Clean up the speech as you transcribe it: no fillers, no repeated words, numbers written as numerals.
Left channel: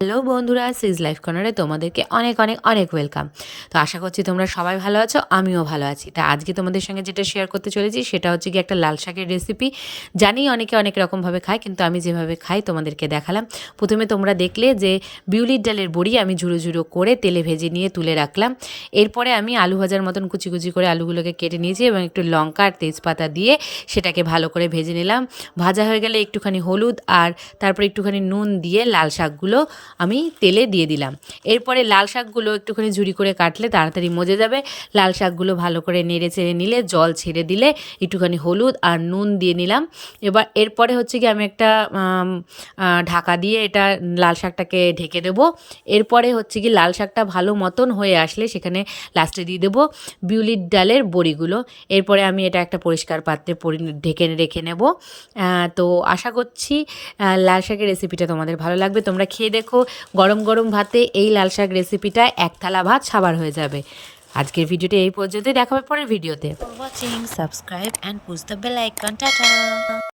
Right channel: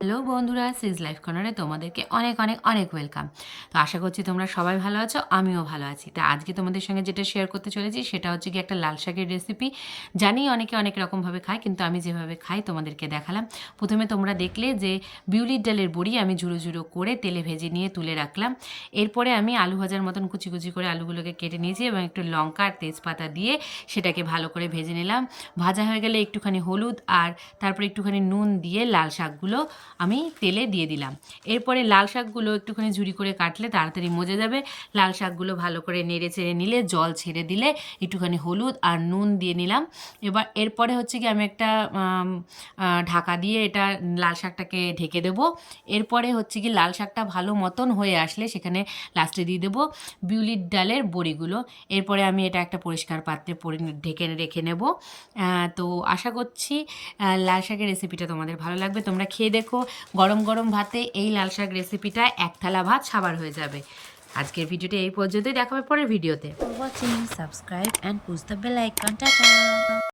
Hello বন্ধুরা, সুইজ life কর্নারে তোমাদেরকে অনেক অনেক অনেক ওয়েলকাম। তো আশা করছি তোমরা সবাই ভালো আছো, আমিও ভালো আছি। তা আজকে তোমাদের সঙ্গে যেটা শেয়ার করতে চলেছি সেটা হচ্ছে কি একটা লাল শাকের রেসিপি। জানি অনেকে অনেক রকমভাবে খায়, কিন্তু আমি যেভাবে খাই তোমাদেরকে দেখালাম। প্রথমে তোমরা দেখলে যে বিউলির ডালের বড়ি আমি ঝুড়ো ঝুড়ো করে তেলে ভেজে নিয়ে তুলে রাখলাম। এরপরে আমি আলু ভাজার মতন কুচি কুচি করে আলুগুলোকে কেটে নিয়েছি এবং একটু লঙ্কা আর তেজপাতা দিয়ে সেটাকে ভালো করে ভেজে নিলাম। ভাজা হয়ে গেলে একটুখানি হলুদ আর তারপর একটুখানি নুন দিয়ে লাল শাকগুলো আমি তেলে দিয়ে দিলাম। এরপরে লাল শাকগুলো একটুখানি ঝুরি করে কাটলে তাড়াতাড়ি মজে যাবে। লাল শাকগুলো ভালো করে নেড়ে চেড়ে নিলে, জল ছেড়ে দিলে একটুখানি হলুদ আর নুন দিয়ে নিলাম। এরপরে হচ্ছে কি আমি একটা ঢাকা দিয়ে এটা লাল শাকটাকে ঢেকে দেবো। এরপরে হচ্ছে কি লাল শাকটা ভালো মতন হয়ে আসলে সেখানে লাস্টে দিয়ে দেবো বিউলির ডালের বড়িগুলো। এরপরে আমি এটা একটা পরিষ্কার পাত্রে ঢেকে রেখে নেব। তো আশা করছি লাল শাকের রেসিপিটা তোমাদের ভালো লাগবে। তোমরা খেয়ে দেখো, গরম গরম ভাতে এই লাল শাক রেসিপিটা এক থালা ভাত সাবার হয়ে যাবে। আজকের ভিডিওটা এই পর্যন্তই, দেখা হবে পরের ভিডিওতে। Watching, subscribe and push the bell icon. Tata.